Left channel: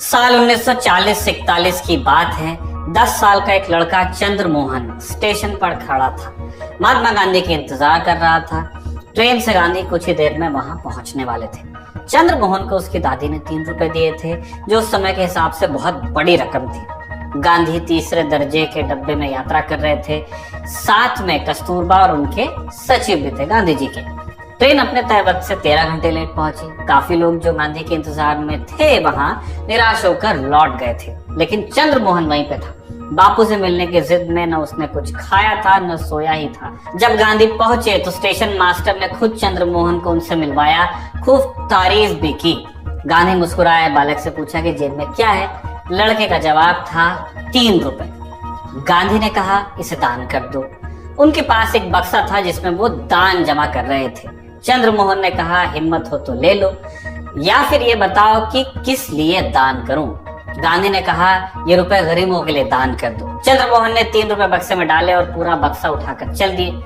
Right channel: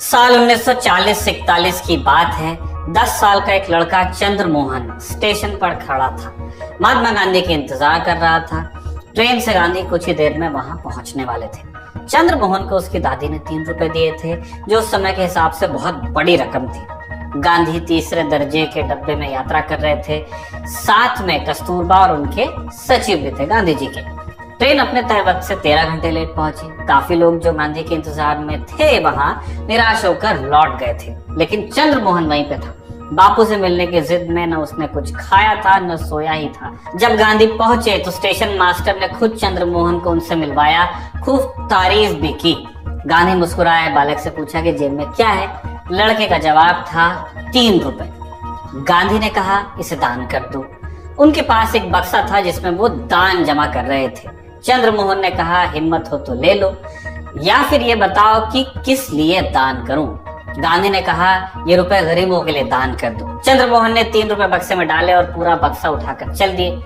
साल 1940-41 की बात है। 10 साल का एक लड़का चंद्रमोहन स्टेशन पर खड़ा था। महात्मा गांधी के इंतजार कर रहा था। ट्रेन से गांधी कुछ ही देर में वहां पहुंचने वाले थे। चंद्रमोहन को उसकी दादी ने 3 रुपए दिए थे, जो उस समय के हिसाब से बहुत बड़ी रकम थी। गांधी तीसरे दर्जे के डब्बे में यात्रा कर रहे थे। साथ में कस्तूरबा और उनके सचिव भी थे गांधी जी के। ट्रेन अपने तय वक्त से 13 घंटे लेट पहुंची। काफी लोग जो गांधी के इंतजार में थे वहां निराश होकर लौट गए थे, लेकिन चंद्रमोहन वहीं पे था। बापू से मिलने की जिद में न उसने कुछ खाया था न सोया ही था। जब गांधी पहुंचे तो स्टेशन मास्टर ने खुद चंद्रमोहन को उनसे मिलवाया, खूब तारीफ भी की। गांधी मुस्कुराए, बालक से पूछा कि जेब में क्या है। लड़के का जवाब था 3 रुपए। गांधी ने कहा, इसे दान कर दो। उनके पास एक बक्सा था जिसमें वो दान जमा कर रहे थे। चंद्रमोहन ने कहा, हिम्मत हो तो ले लो, या फिर ये बताओ कि किस लिए दान करूं। गांधी ने कहा, ये रुपए गरीबों के लिए दान कर दो। चंद्रमोहन ने 3 रुपए बक्से में डाले और पूरा बक्सा उठाकर चल दिए।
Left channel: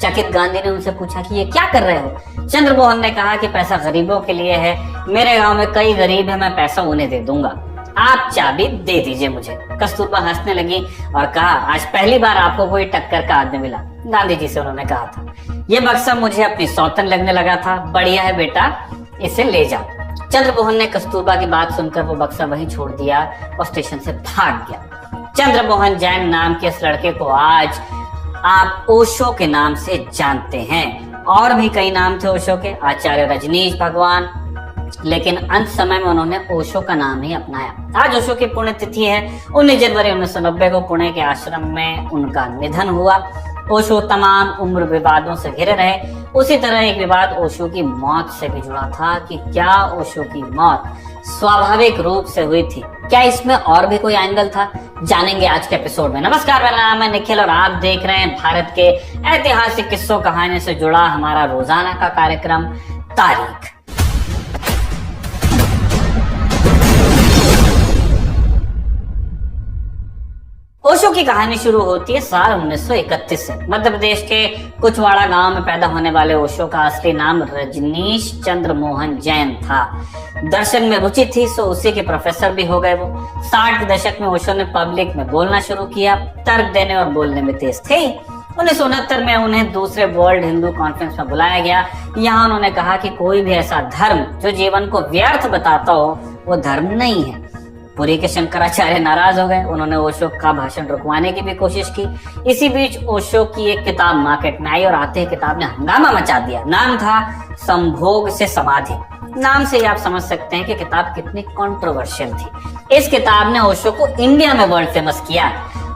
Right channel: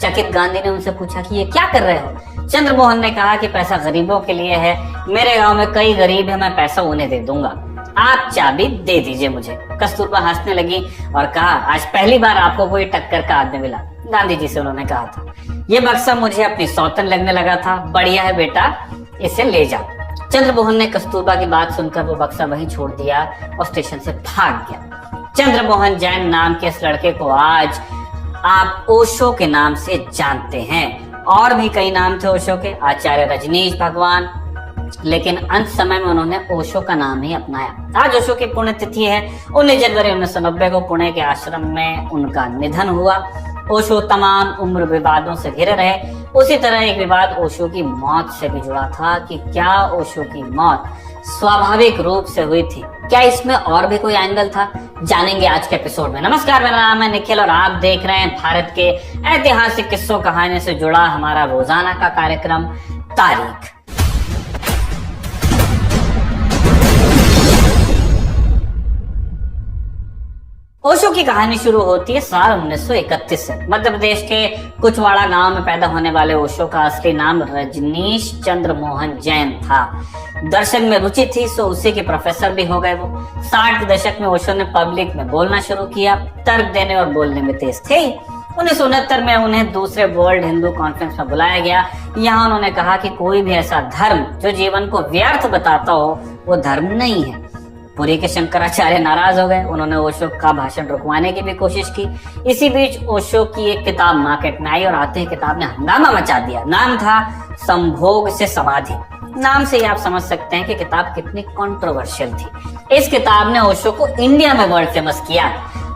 चकित गांधी ने उनसे पूछा कि ये क्या कर रहे हो। चंद्रमोहन ने कहा कि पैसा गरीबों के लिए है। मेरे गांव में कई गरीब है, मैं पैसा उन्हें दे दूंगा। आप चाबी दे दीजिए मुझे। कस्तूरबा हंसने लगी और कहा, आज पहली बार आपको कोई टक्कर का आदमी मिला। गांधी जी से उन्होंने कहा था, ये बक्सा मुझे अपनी सौतन लगने लगा था। बढ़िया है बेटा, इसे ले जा। चंद्रमोहन ने कस्तूरबा की बात सुनकर वो बक्सा वहीं छोड़ दिया और स्टेशन से भाग गया। चंद्रमोहन जैन नाम के इस लड़के को आज आप ओशो के नाम से जानते हैं। और भी कई नाम थे ओशो के, आचार्य रजनीश भगवान, लेकिन अंत समय में उन्होंने ओशो का नाम ही अपनाया। आज ओशो की पुण्यतिथि है। 19 जनवरी 1990 को पुणे के आश्रम में उनका निधन हुआ। ओशो तमाम उम्र विवादों से घिरे रहे। उसी तरह एक विवाद ओशो की मौत से भी जुड़ा था कि क्या ओशो की मौत स्वाभाविक रूप से हुई थी, क्या इसमें और भी कोई एंगल था, जानेंगे आज के एपिसोड में। नमस्कार, मेरा नाम है निखिल और आप देख रहे हैं भारत के ऐतिहासिक किस्सों कहानी से जुड़ा हमारा रोजाना का कार्यक्रम तारीख। ओशो की कहानी शुरू होती है साल 1931 से। मध्य प्रदेश के कुचवाड़ा गांव में पैदा होने वाले ओशो का असली नाम रजनीश चंद्रमोहन जैन था। दर्शन में रुचि थी, सो उसी के प्रोफेसर भी हो गए वो। 60 के दशक में ओशो ने पब्लिक में बोलना शुरू किया। तर्क देने और बोलने में तेज थे। 1969 में उन्हें दूसरे वर्ल्ड हिंदू कॉन्फ्रेंस में बुलाया गया। यहाँ उन्होंने कहा कि कोई भी ऐसा धर्म जो जीवन को व्यर्थ बताता हो वो धर्म नहीं है। पुरी के शंकराचार्य नाराज हो गए। उन्होंने ओशो का भाषण रुकवाने की भी कोशिश की। इसी बीच ओशो की एक किताब मार्केट में आई और आते ही किताब ने हंगामा मचा दिया। नाम था संभोग से समाधि। नाम से ही आप समझ सकते हैं कि किताब कितनी कंट्रोवर्शियल थी। इस किताब ने ओशो को इंडिया में वर्ल्ड फेमस किया।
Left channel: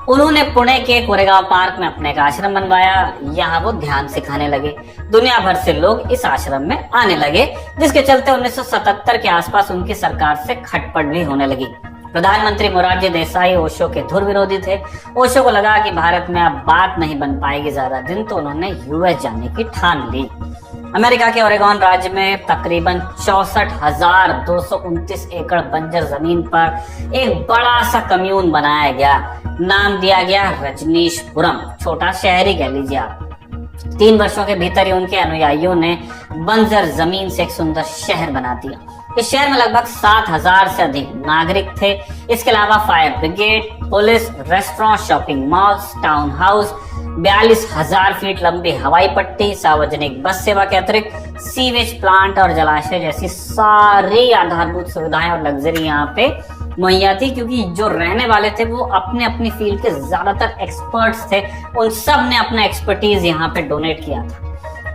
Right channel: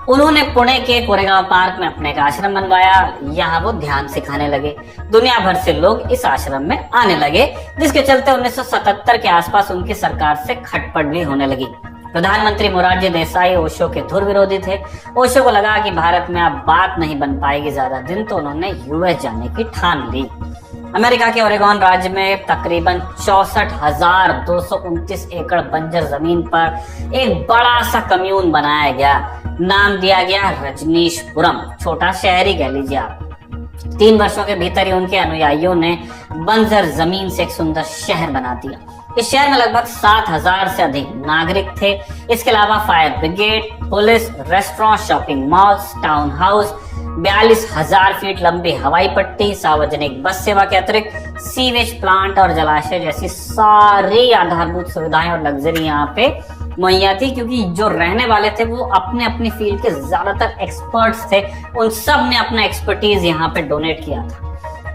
उन्होंने पुणे के कोरेगांव पार्क में अपने का आश्रम बनवाया। यहाँ वो ध्यान सिखाने लगे। दुनिया भर से लोग इस आश्रम में आने लगे, जिसके चलते 1977 के आसपास उनकी सरकार से खटपट भी होने लगी। प्रधानमंत्री मोरारजी देसाई ओशो के धुर विरोधी थे। ओशो को लगा कि भारत में अब बात नहीं बन पाएगी ज्यादा दिन, तो उन्होंने यूएस जाने की ठान ली। अमेरिका के ओरेगॉन राज्य में तकरीबन 64,229 एकड़ बंजर जमीन पर एक बड़ा सा कम्यून बनाया गया। नाम दिया गया रजनीशपुरम, छोटा शहरी कह लीजिए आप। 3 वर्षों के भीतर ही उनके अनुयायियों ने बंजर जमीन से एक सुंदर शहर बना दिया। इस शहर में लगभग 7,000 से अधिक नागरिक थे। इसके अलावा fire brigade, police, restaurant, shopping malls, town house, 42,000 feet लंबी हवाई पट्टी, सार्वजनिक बस सेवा के अतिरिक्त सीवेज प्लांट और जलाशय जैसी सारी आधारभूत सुविधाएं और लग्जरी यहाँ पे मुहैया थी। क्योंकि जो रहने वाले थे वो अपने अपनी फील्ड के ज्यादातर एक्सपर्ट्स थे। उन सब ने अपना एक्सपर्टीज यहाँ पे डोनेट किया था।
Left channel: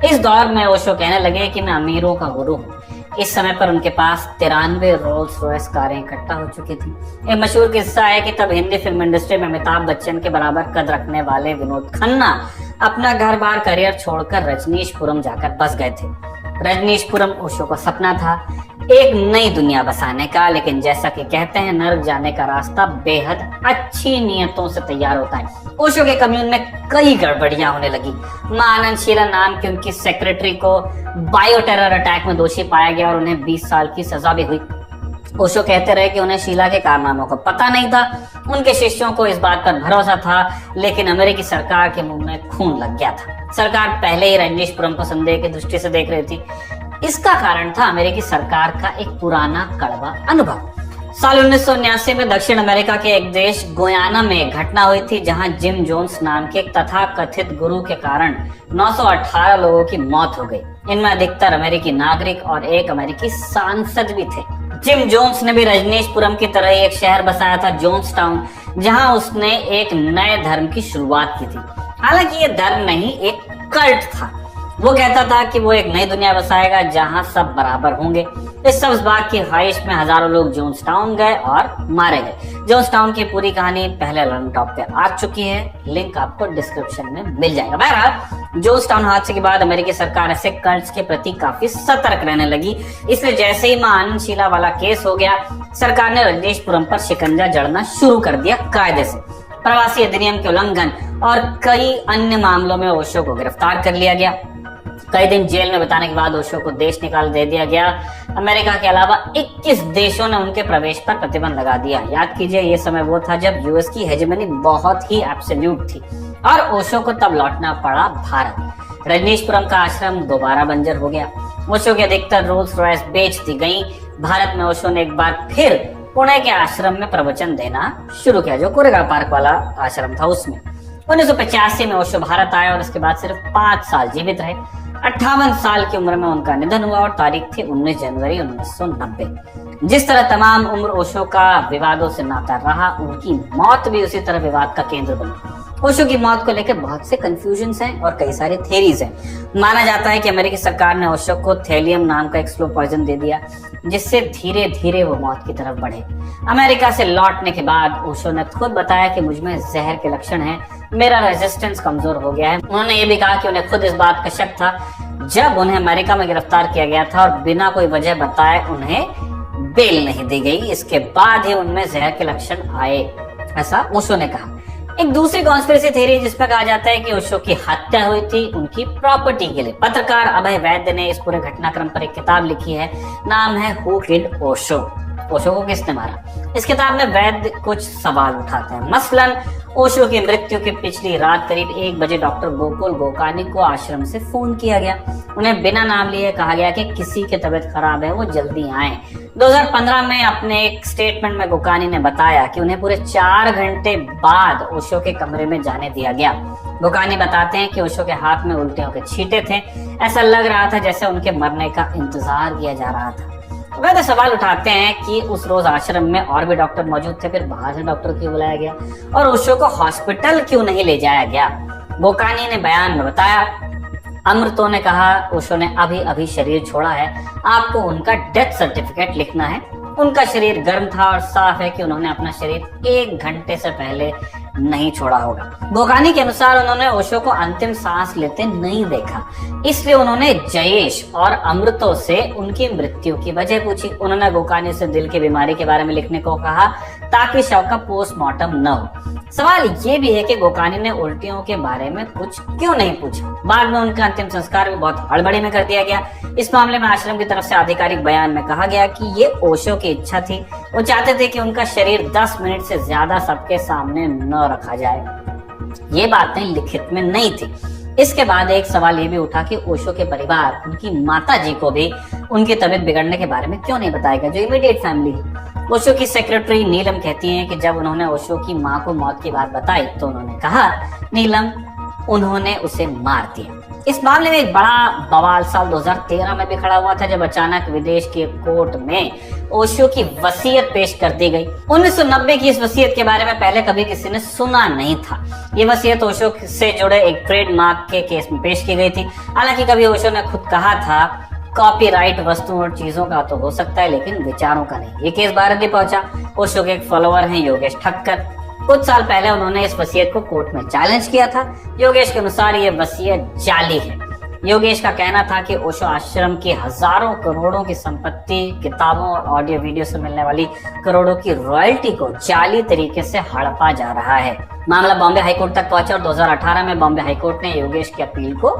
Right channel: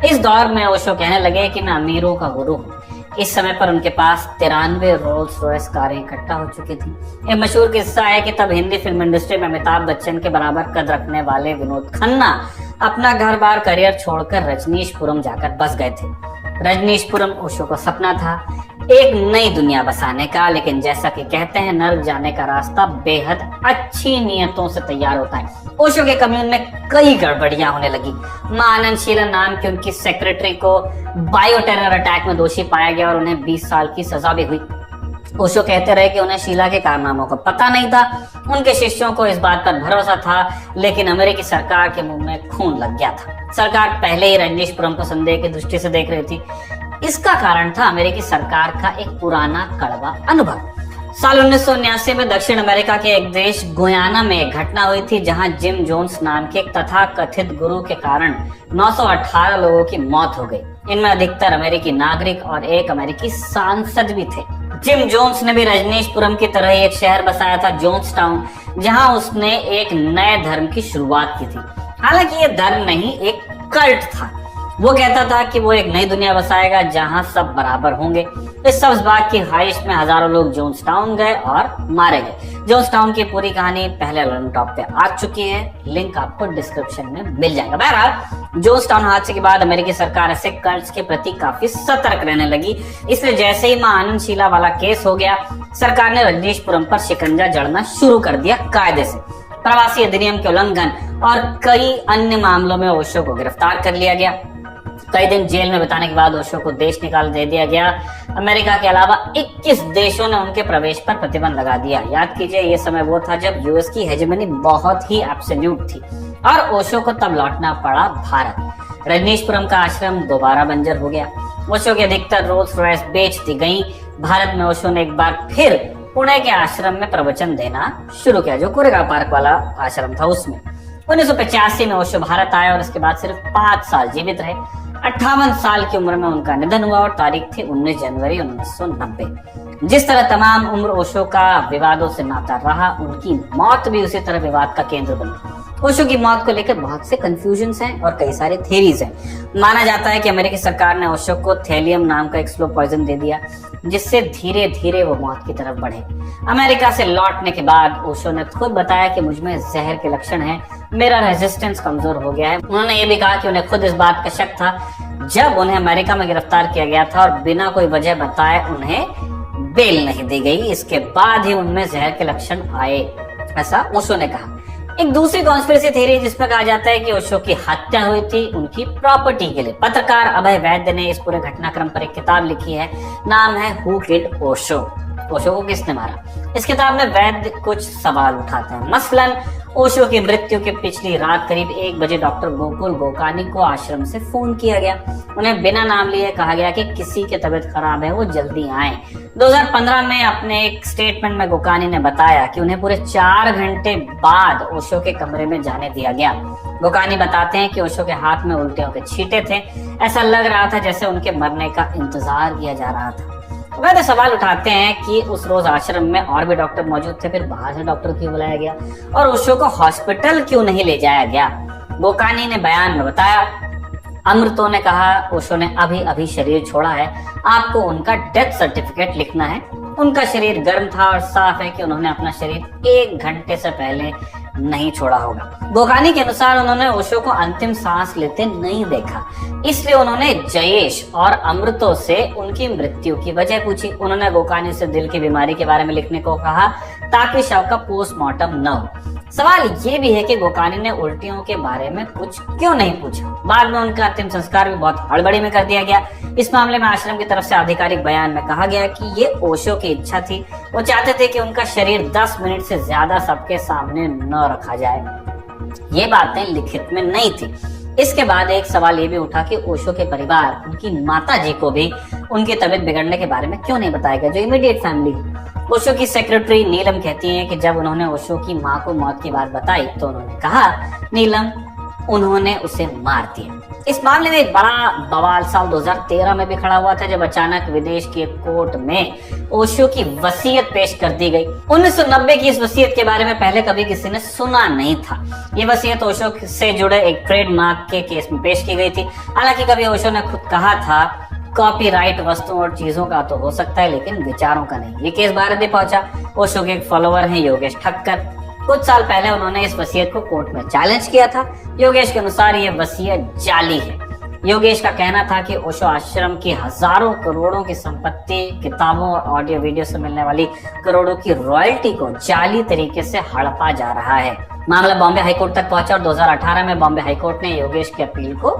इस दौर में ओशो कहने लगे कि मैं अमीरों का गुरु हूँ। इस समय पर उनके पास 93 रोल्स रॉयस कारें इकट्ठा हो चुकी थी। एक मशहूर किस्सा है कि तब हिंदी फिल्म इंडस्ट्री में अमिताभ बच्चन के बराबर कद रखने वाले विनोद खन्ना अपना घर बार करियर छोड़कर रजनीशपुरम जाकर बस गए थे। रजनीशपुरम ओशो का सपना था, एक नई दुनिया बसाने का। लेकिन जैसा कि कहते हैं, नर्क जाने का रास्ता बेहद अच्छी नियतों से तैयार होता है। ओशो के कम्यून में कई गड़बड़ियां होने लगी। मां आनंद शीला नाम की उनकी सेक्रेटरी को बायो टेरर अटैक में दोषी पाया गया और उन्हें 20 साल की सजा भी हुई। ओशो कहते रहे कि उन्हें शीला के कारनामों का पता नहीं था। उनके शिष्यों को इस बात पर भरोसा था, लेकिन अमेरिकी सरकार के मुंह में खून लग गया था। सरकार पहले ही रजनीशपुरम को संदेह की दृष्टि से देख रही थी। इसका कारण था अमेरिकी सरकार का एक पुराना कड़वा अनुभव। साल 1979 में दक्षिण अमेरिका के एक देश गुयाना में एक घटना हुई थी जहां जिम जोन्स नाम के एक तथाकथित गुरु के कारण 918 लोगों की मौत हो गई। इनमें अधिकतर अमेरिकी नागरिक और एक अमेरिकी सांसद भी थे। जिम जोन्स ने भी रजनीशपुरम की तरह एक शहर बसाया था, जोन्स टाउन, जहां उसने एक नए धर्म की शुरुआत की थी। हालांकि ये धर्म नहीं, एक कल्ट था। वो कहता था कि वो एक नई दुनिया बसाएगा जहां सब बराबर होंगे। इस सब्ज बाग की ख्वाहिश में हजारों लोग जोन्स टाउन गए और मारे गए। जोन्स टाउन की पूरी कहानी पहले लर्न टॉप पे आ चुकी है, लिंक आपको डिस्क्रिप्शन में मिल जाएगा। बहरहाल जोन्स टाउन हादसे के बाद अमेरिकी सरकार ऐसे कल्ट्स के प्रति काफी सतर्क रहने लगी। इसलिए जैसे ही मां आनंद शीला वाला केस हो गया, सरकार ने रजनीशपुरम पर शिकंजा जड़ना शुरू कर दिया कायदे से। प्रवासी अधिनियम के उल्लंघन और कई अन्य मामलों में ओशो को गिरफ्तार कर लिया गया। कई दिन जेल में बिताने के बाद ओशो को देश निकाल दे दिया गया। अमेरिका के अलावा 21 देशों ने उनके प्रवेश पर प्रतिबंध लगा दिया। याद कीजिए, ये समय वो था जब यूएस की हेजेमनी बहुत ही एब्सोल्यूट थी और ओशो को तब लौटना पड़ा भारत। रजनीशपुरम का आश्रम दोबारा बंजर हो गया। ओशो की अधिकतर रोल्स रॉयस बेच दी गई। भारत में ओशो ने एक बार फिर पुणे के आश्रम में प्रवचन देना शुरू किया, जो कोरेगांव पार्क वाला आश्रम था उसमें। 1985 में ओशो भारत आए और इसके बाद सिर्फ 5 साल जीवित रहे। 58 साल की उम्र में उनका निधन हुआ और तारीख थी 19 जनवरी 1990। जिस तरह तमाम उम्र ओशो का विवादों से नाता रहा, उनकी मौत भी उसी तरह विवाद का केंद्र बनी। ओशो की मौत को लेकर बहुत से कंफ्यूजन्स हैं और कई सारे थ्योरीज हैं। माना जाता है कि अमेरिकी सरकार ने ओशो को थैलियम नाम का एक स्लो पॉइजन दे दिया, जिससे धीरे धीरे वो मौत की तरफ बढ़े। अमेरिका से लौटने के बाद ओशो ने खुद बताया कि मुझमें जहर के लक्षण हैं, मेरा रेजिस्टेंस कमजोर हो गया है। उन्होंने ये भी कहा कि उन्हें खुद इस बात का शक था जब उन्हें अमेरिका में गिरफ्तार किया गया था और बिना कोई वजह बताए उन्हें बेल नहीं दी गई। इसके बाद ही उनमें जहर के लक्षण आए, ऐसा ओशो ने कहा। एक दूसरी कॉन्स्पिरेसी थ्योरी जिसमें कहा जाता है कि ओशो की हत्या हुई थी उनकी प्रॉपर्टी के लिए। पत्रकार अभय वैद्य ने इस पूरे घटनाक्रम पर एक किताब लिखी है, नाम है हु किल्ड ओशो, ओशो को किसने मारा। इस किताब में वैद्य कुछ सवाल उठाते हैं। मसलन ओशो की मृत्यु की पिछली रात करीब 1 बजे डॉक्टर गोकुल गोकानी को आश्रम से फोन किया गया। उन्हें बिना नाम लिए कहा गया कि किसी की तबीयत खराब है, वो जल्दी आए। 2015 में अपने एक स्टेटमेंट में गोकानी ने बताया कि उन्हें पूरे 4 घंटे बाद ओशो के कमरे में जाने दिया गया। गोकानी बताते हैं कि ओशो के हाथ में उल्टियों के छींटे थे। ऐसा लग रहा था जैसे उनके मरने का इंतजार किया जा रहा था। वैद्य सवाल उठाते हैं कि उस रोज आश्रम में और भी डॉक्टर मौजूद थे, फिर बाहर से डॉक्टर क्यों बुलाया गया और ओशो को हॉस्पिटल क्यों नहीं ले जाया गया। गोकानी ने बयान में बताया, अमृतो ने कहा ओशो ने अभी अभी शरीर छोड़ा है, आपको उनका डेथ सर्टिफिकेट लिखना है। उनका शरीर गर्म था और साफ है कि उन्होंने अपना शरीर 1 घंटे से पहले नहीं छोड़ा होगा। गोकानी के अनुसार उन्होंने ओशो को अंतिम सांस लेते नहीं देखा, इसलिए उन्होंने जयेश और अमृतो से उनकी मृत्यु की वजह पूछी। उन्होंने गोकानी से दिल की बीमारी के बारे में लिखने को कहा ताकि शव का पोस्टमार्टम न हो। सवाल ये भी है कि गोकानी ने उल्टियों के बारे में कुछ क्यों नहीं पूछा। बाद में उनका अंतिम संस्कार भी बहुत हड़बड़ी में कर दिया गया। इस मामले में आश्रम की तरफ से आधिकारिक बयान में कहा गया कि ये ओशो की इच्छा थी। वो चाहते थे कि उनका शरीर 10 मिनट से ज्यादा सबके सामने न रखा जाए। ये बातें लिखित में नहीं थी। इसके बाद एक सवाल ये भी उठा कि ओशो के परिवार, उनकी माता जी को भी उनकी तबीयत बिगड़ने के बारे में क्यों नहीं बताया गया, जो इमीडिएट फैमिली। ओशो की सेक्रेटरी नीलम कहती हैं कि जब उन्होंने ओशो की मां को मौत की बात बताई तो उन्होंने कहा, नीलम, उन्होंने उसे मार दिया। इस मामले में एक बड़ा बवाल साल 2013 में भी खड़ा हुआ था, जब अचानक विदेश की कोर्ट में ओशो की वसीयत पेश कर दी गई। 1990 की इस वसीयत के बारे में पहले कभी किसी ने सुना नहीं था। ये वसीयत ओशो से जुड़े एक ट्रेडमार्क के केस में पेश की गई थी। हालांकि कभी ओशो ने खुद कहा था, कॉपीराइट वस्तुओं और चीजों का तो हो सकता है लेकिन विचारों का नहीं। ये केस भारत भी पहुंचा। ओशो के एक फॉलोअर हैं योगेश ठक्कर। कुछ साल पहले उन्होंने इस वसीयत को कोर्ट में चैलेंज किया था। योगेश के अनुसार ये वसीयत जाली है। योगेश का कहना था कि ओशो आश्रम की हजारों करोड़ों की संपत्ति, किताबों और ऑडियो वीडियो से मिलने वाली करोड़ों की रॉयल्टी को जाली तरीके से हड़पा जा रहा है। मामला बॉम्बे हाईकोर्ट तक पहुंचा और 2018 में बॉम्बे हाईकोर्ट ने योगेश की अपील को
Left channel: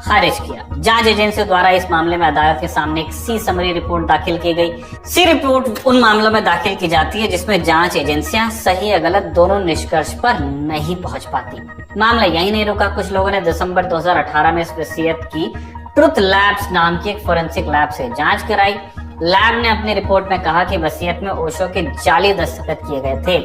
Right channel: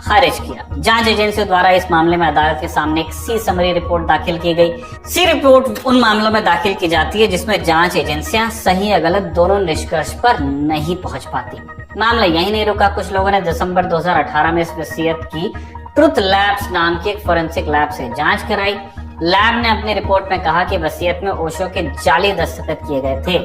खारिज किया। जांच एजेंसी द्वारा इस मामले में अदालत के सामने एक सी समरी रिपोर्ट दाखिल की गई। सी रिपोर्ट उन मामलों में दाखिल की जाती है जिसमें जांच एजेंसियां सही या गलत दोनों निष्कर्ष पर नहीं पहुंच पाती। मामला यही नहीं रुका। कुछ लोगों ने दिसंबर 2018 में इस वसीयत की ट्रुथ लैब्स नाम की एक फोरेंसिक लैब से जांच कराई। लैब ने अपनी रिपोर्ट में कहा कि वसीयत में ओशो के जाली दस्तखत किए गए थे।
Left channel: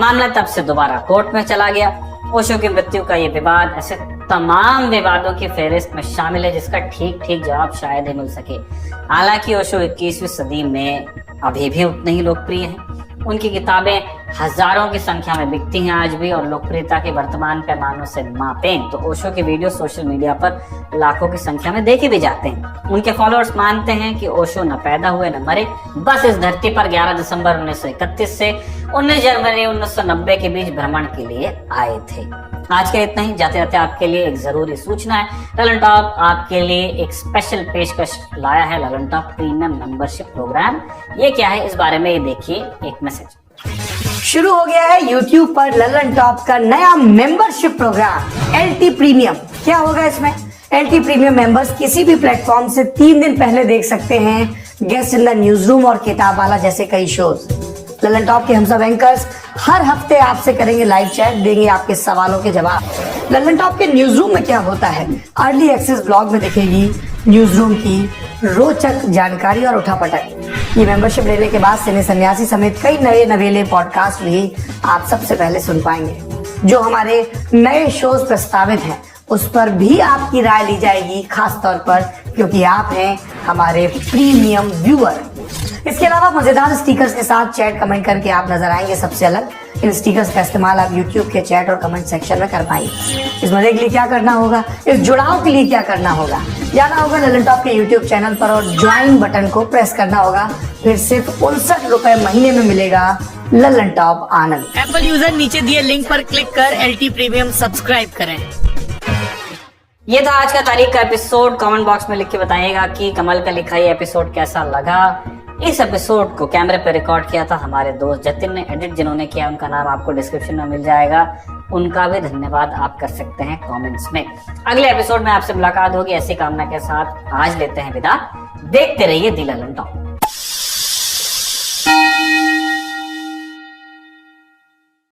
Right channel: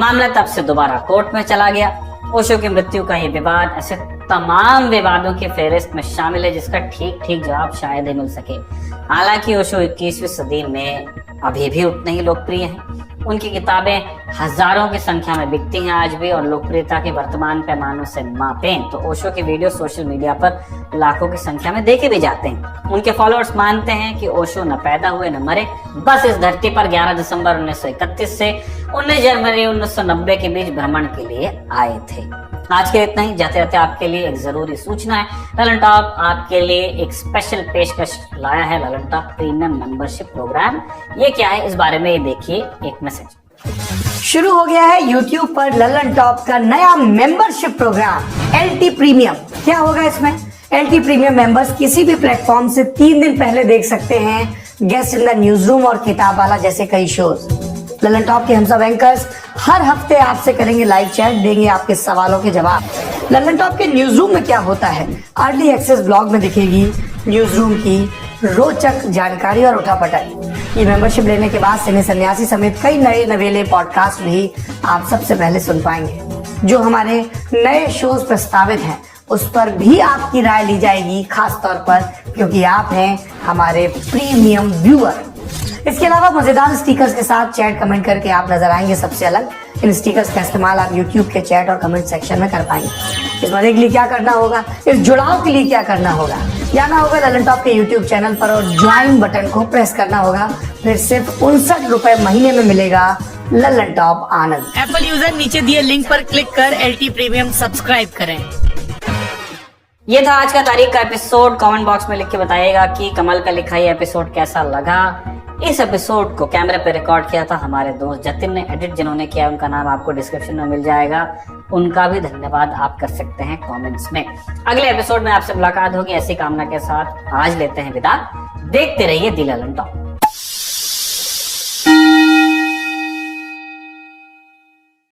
मामला तब से दोबारा कोर्ट में चला गया। ओशो की मृत्यु का ये विवाद ऐसे तमाम विवादों की फेहरिस्त में शामिल है जिसका ठीक ठीक जवाब शायद ही मिल सके। हालांकि ओशो 21वीं सदी में अभी भी उतने ही लोकप्रिय हैं। उनकी किताबें हजारों की संख्या में बिकती हैं आज भी, और लोकप्रियता के वर्तमान पैमानों से मापें तो ओशो के वीडियो सोशल मीडिया पर लाखों की संख्या में देखे भी जाते हैं। उनके फॉलोअर्स मानते हैं कि ओशो न पैदा हुए न मरे, बस इस धरती पर 11 दिसंबर 1931 से 19 जनवरी 1990 के बीच भ्रमण के लिए आए थे। आज के इतना ही। जाते जाते आपके लिए एक जरूरी सूचना है। ललन टॉप आपके लिए एक स्पेशल पेशकश लाया है, Lallantop premium membership programme. ये क्या है, इस बारे में देखिए एक मैसेज। शुरू हो गया है YouTube पर ललन टॉप का नया मेंबरशिप प्रोग्राम LT प्रीमियम। क्या होगा इसमें? LT प्रीमियम मेंबर्स किसी भी प्लेटफॉर्म से 3 दिन पहले देख सकते हैं guest in the news room और किताब वाला जैसे कई शोज। ललन टॉप के हम सब एंकर्स हर हफ्ते आपसे करेंगे लाइव चैट, देंगे आपके सवालों के जवाब। ललन टॉप के न्यूज रूम में क्या होता है? अर्ली एक्सेस ब्लॉग में दिखेगी न्यूज रूम की रोचक जानकारी और उठापटक। ये मेंबरशिप लेने के बाद सिने सन्यासी समेत कई नए नवेले पॉडकास्ट भी आप सबसे पहले सुन पाएंगे। जो हमारे नए शोज प्रस्तावित हैं उस पर भी आपकी राय ली जाएगी, खास तौर पर क्योंकि आप हैं हमारे प्रीमियम व्यूअर। इसके अलावा मजेदार स्टिकर्स के साथ चैट कमेंट करके आप नजर आएंगे सबसे अलग। इन स्टिकर्स का इस्तेमाल आप YouTube के चैट और कमेंट सेक्शन में कर पाएंगे। इस मजे के लिए क्या करना होगा, इस जुड़ाव के लिए क्या करना होगा, जाना होगा ललन टॉप के YouTube चैनल पर और ज्वाइन बटन को प्रेस करना होगा। फिर सिर्फ 59 रुपए महीने में मिलेगा ललन टॉप आनंद। एप्पल यूजर नीचे दिए लिंक पर क्लिक कर LT प्रीमियम सब्सक्राइब करें। ये था आज का तारीख का एपिसोड। कमेंट बॉक्स में लिख के बताइएगा कि कमल का लिखा ये एपिसोड कैसा लगा। इस एपिसोड को कैमरे पे रिकॉर्ड किया था हमारे दोस्त जतिन ने। एडिट जिन्होंने किया उनका नाम आपको डिस्क्रिप्शन में मिल जाएगा, उनका भी धन्यवाद आप कर सकते हैं कमेंट्स में। अगले एपिसोड में आपसे मुलाकात होगी ऐसी कामना के साथ। आज लेते हैं विदा। देखते रहिए दी ललन टॉप।